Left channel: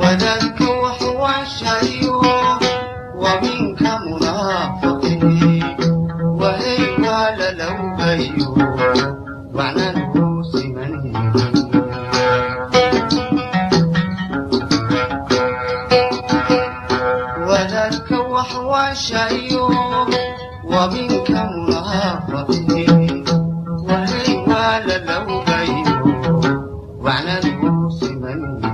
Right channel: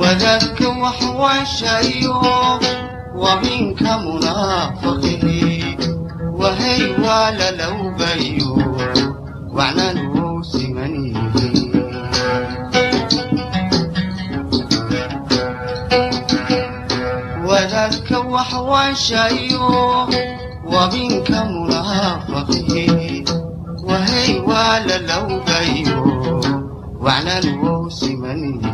وذاك وحواشيو ومنك منافقه وهي ولا لو بيو وعنا نوس منيه وذاك وحواشيو ومنك منافقه وهي ولا لو بيو وعنا نوس منيه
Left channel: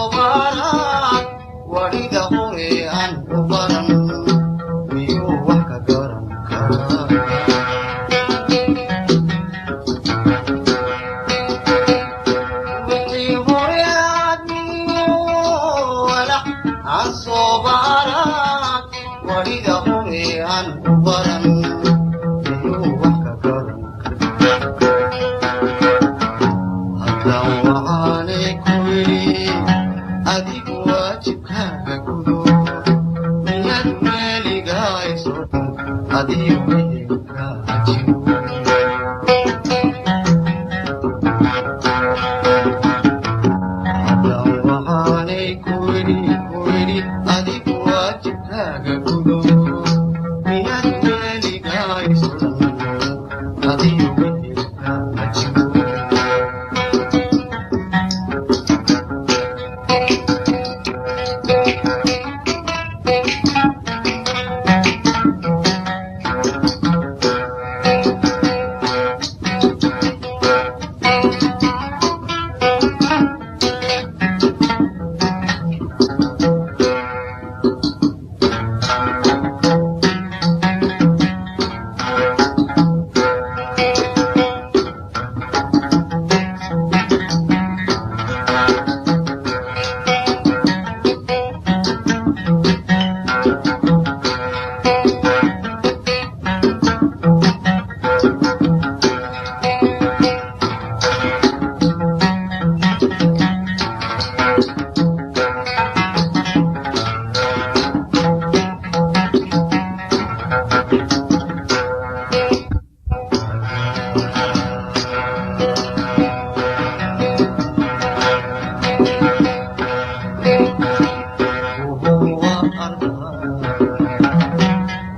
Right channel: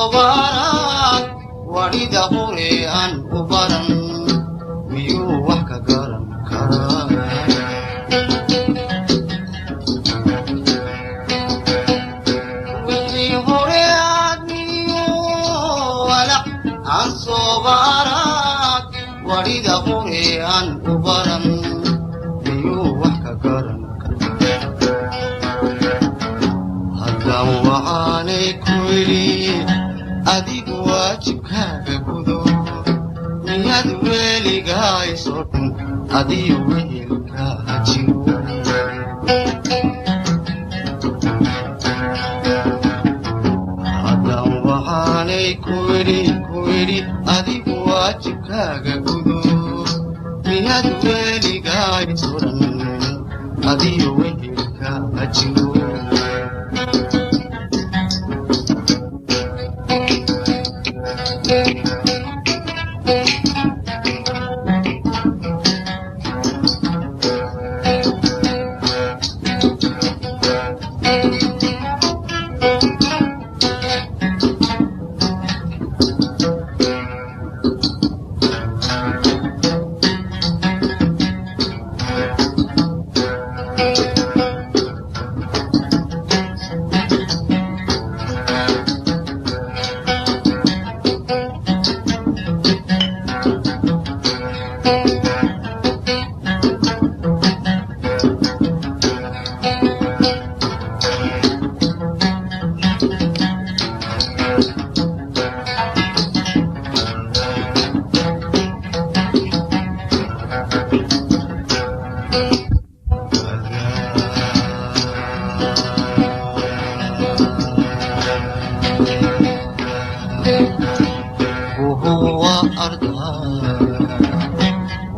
الصبارات ورد هوري أن أبرن ميو وحكا قرن كران وحي هوري ميو ولا الصبارات ورد هوري أن أبرن ميو وحكا قرن هدى وعاني كويلي أديك واجبكاga gudo niyad weligaa isoo dhan adiyo wehelka hajiro haddaan waxaanay ku idhi adig waajibkaaga gudo niyad weligaa isoo dhan adiyo wehelka hajiro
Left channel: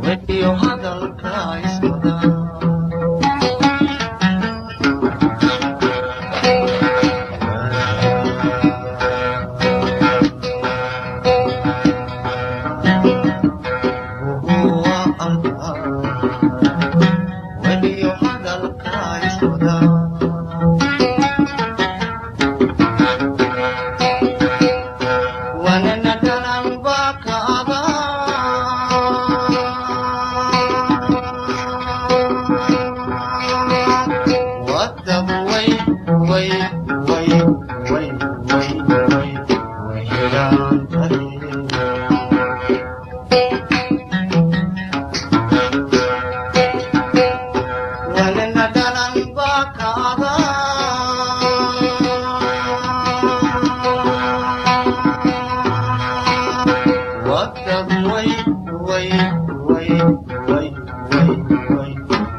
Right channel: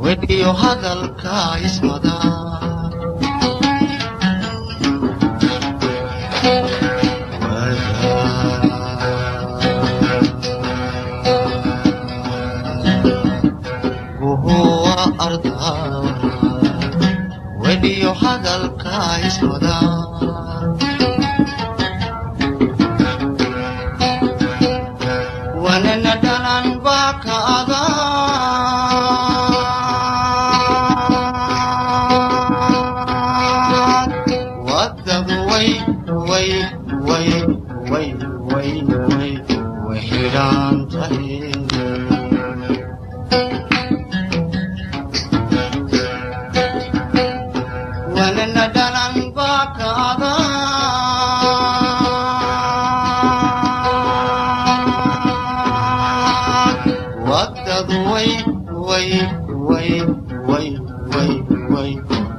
wediyo hadalka iswada guhuwa arda wediyo hadalka iswada wanana danan baka aga wadabu way wahiran tahi wanana danan baka aga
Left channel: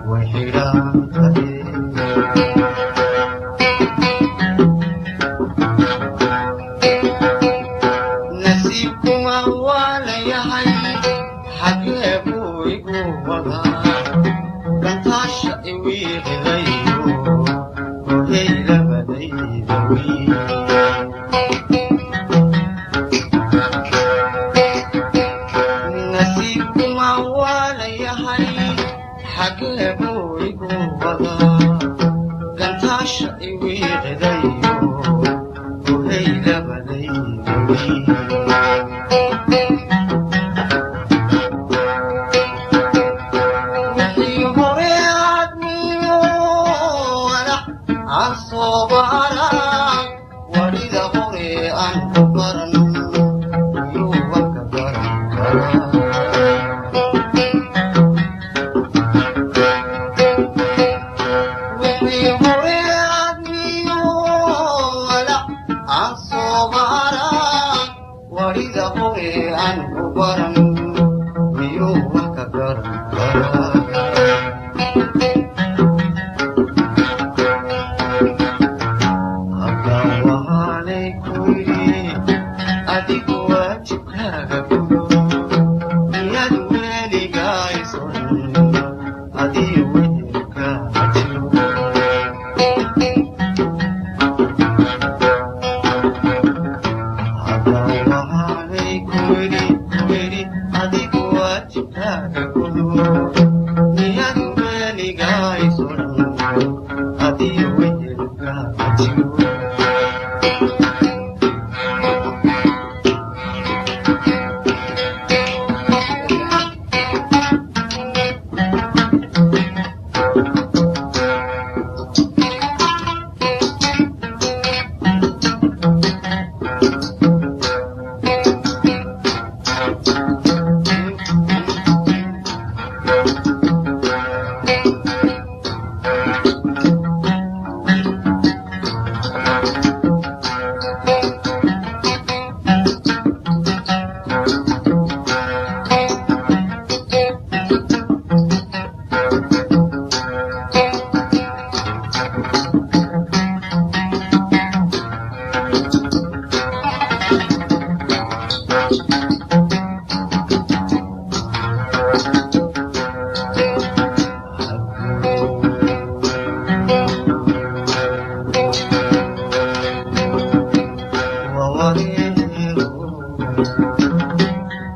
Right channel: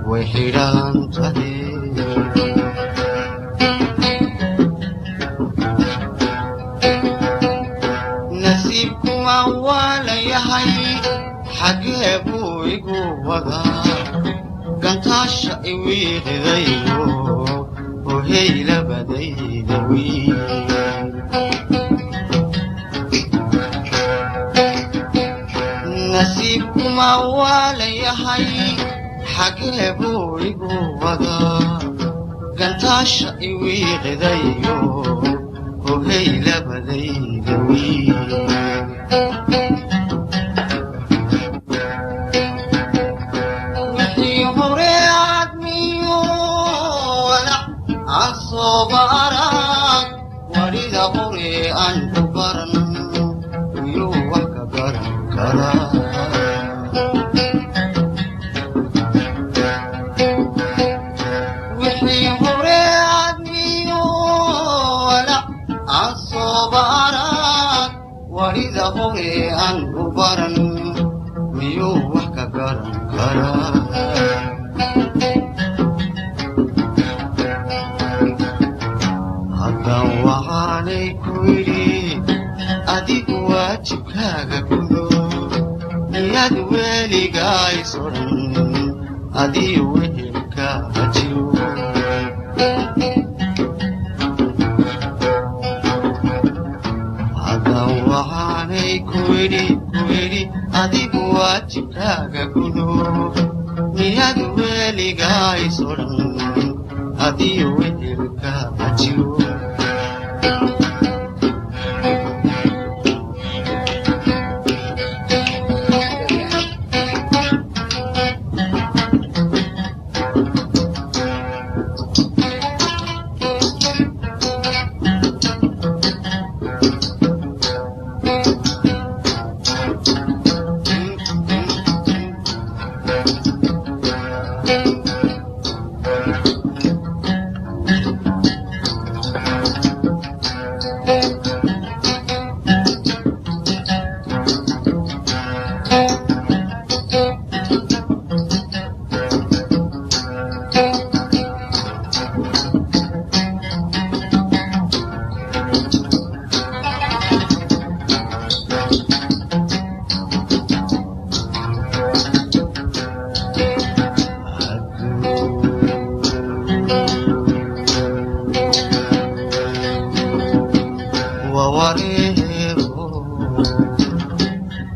way xidhan tahay nasiibkuma waa layahay xagee buu igu wadaa gantaasha iwiiqidayo hohey labadayda wiil nasiibkuma waa layahay xagee buu igu wadaa gantaasha iwiiqidayo hohey labadayda wiil wixii hore aadmiyo walac aan sooba arag warida hore aan ku baran ayuu wax ka garan karaa warida hore aan u baran miyuu wax ka garan karaa haddaan waxaanay ku yidhi adigu waajibkaaga gudo miyaad weligaa isodhan adii wehelka hajiyo adigu waajibkaaga gudo miyaad weligaa isodhan adii wehelka hajiyo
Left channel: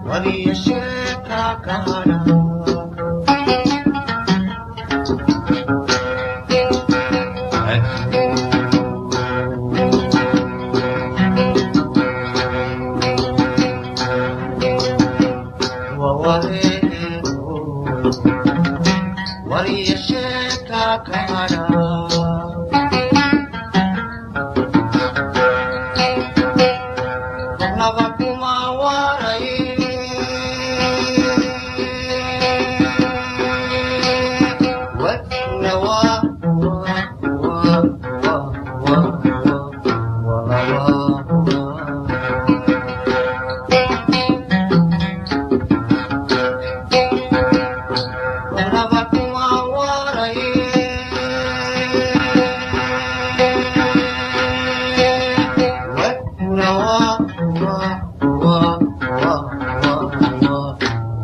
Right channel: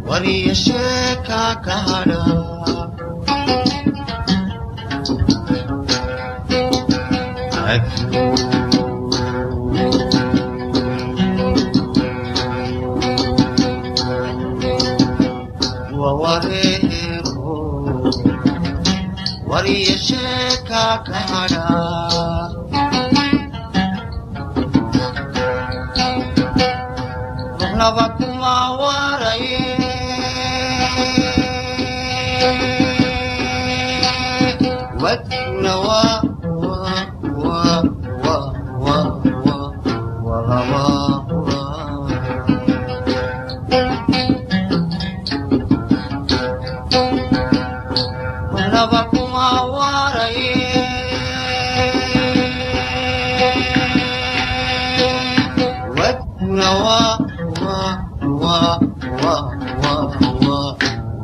waliyasheka kahana waliyasheka kahana Navakuma waraye watnawa Navakuma waraye watnawa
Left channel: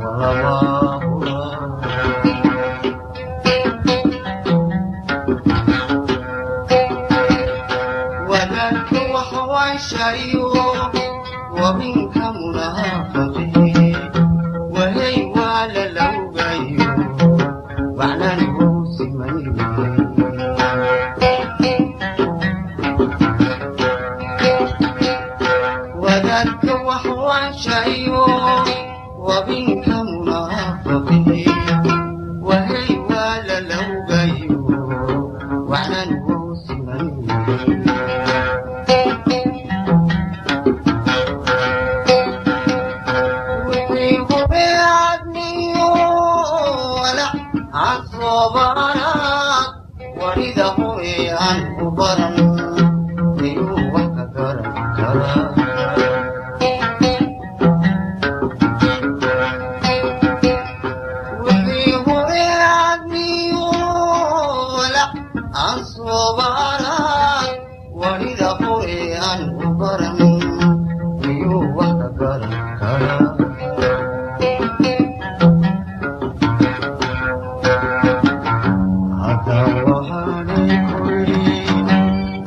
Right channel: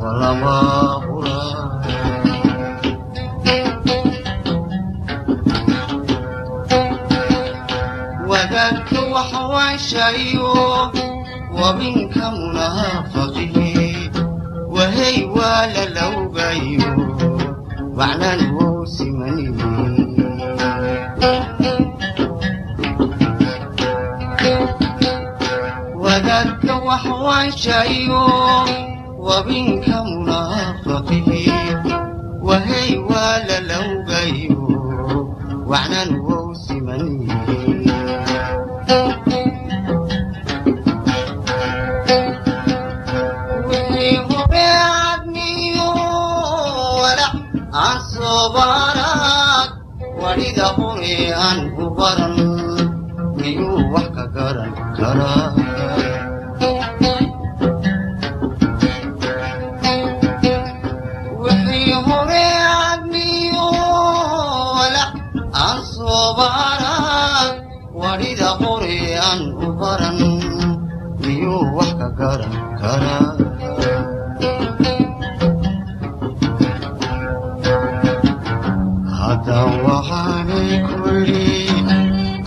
walaba hura wadaadka waxwaashayo wabinka munaafaqihi wahay waa la lawgayo macnan wou simaniye wadaadka waxwaashayo wabinka munaafaqihi wahay waa la lawgayo macnan wou simaniye Asobarak warida hore aan u baran miyuu wax ka garan karaa wixii hore aadmiyo walac asobarak warida hore aan u baran miyuu wax ka garan karaa haddaan waxaanay ku idhi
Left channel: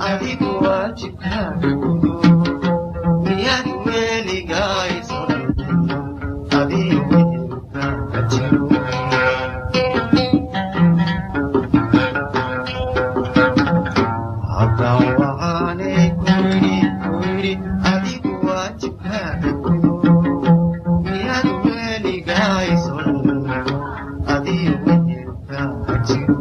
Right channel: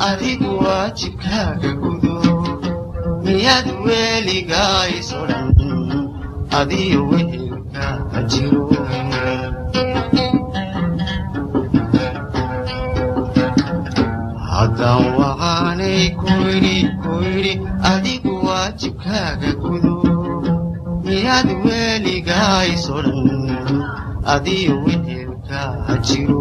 adigu waajibkaaga gudo miyaad weligaa iso dhan adiyo wehelkaa jiro haddaan waxaanay ku idhi adigu waajibkaaga gudo miyaad weligaa iso dhan adiyo wehelkaa jiro